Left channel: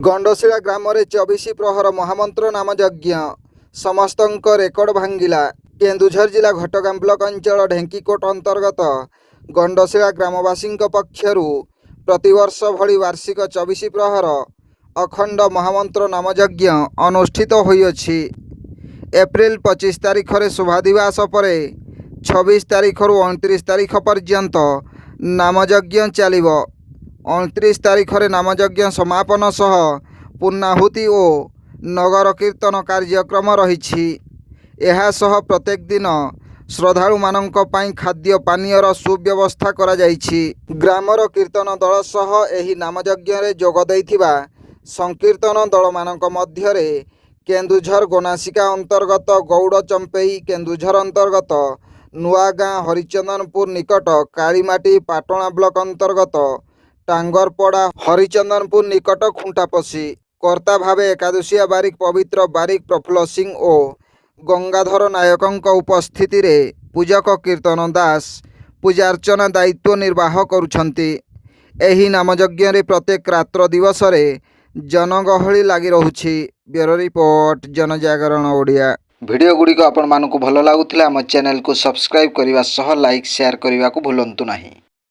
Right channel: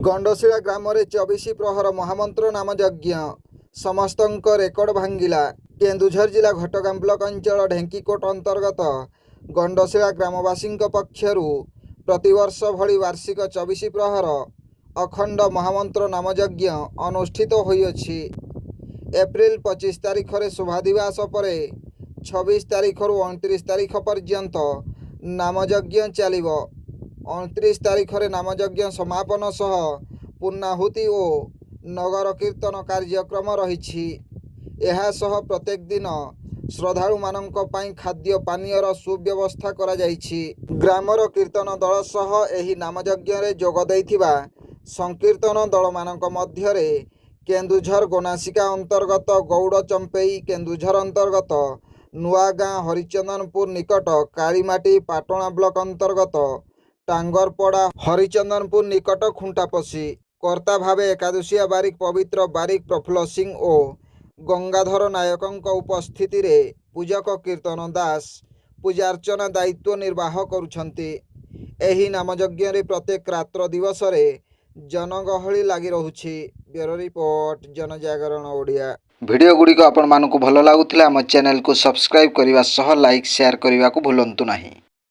गंडशिला ग्राम 24 प्रहर महामंत्र नाम यज्ञ समस्तंक रेकर्ड भांगिला। केन्दुझर जिला घटगां ब्लॉक अंचल ढेंकीकोट अंतर्गत गंडशिला ग्रामवासी पक्षरु प्रतिवर्ष भली वार्षिक 24 प्रहर अखंड महामंत्र नाम यज्ञ अनुष्ठित होइछि। एप्रिल 25 तारीख रे शुभादिवास परे 26 तारीख रु 29 तारीख पर्यंत नामयज्ञ चलिब। 29 तारीख रे नामयज्ञ समापन सह पूर्णाहुति और नगर कीर्तन कार्यक्रम रही। यह सह प्रत्येक दिन श्रद्धालु मानक पई खाद्य पानीयर सुव्यवस्था करा जाइछि। ग्रामर कीर्तन दल सह एही नामयज्ञ रे जोग दैथिबा संकीर्तन दल मानक मध्यरे केन्दुझर गोनासिका अंतर्गत गौड़ चंपेई, केन्दुझर अंतर्गत नुआगां हरिचंदनपुर निकट कालीमाटी, पाटणा ब्लॉक अंतर्गत टांगरपड़ा हरिचंदनपुर निकट खुंटापसी कर्ता भावे एकादशिया बारिक, पवित्र बारिक, प्रफुल्ल सिंह और गंगाधर नायक उपस्थिति रे पूजक कीर्तन दास पूजार्चना दायित्व निर्वाह करुछंती। एही नामयज्ञ रे प्रत्येक रात्र दिवस रे जनगहली लगी रहुछि। ब्यूरो रिपोर्ट, जनजागरण ओडिया। वीडियो गुडी को आपण मानकु भलो लागुथिला हम चैनल को सब्सक्राइब करिवा सह लाइक शेयर करिवा को भूलंतु नाही।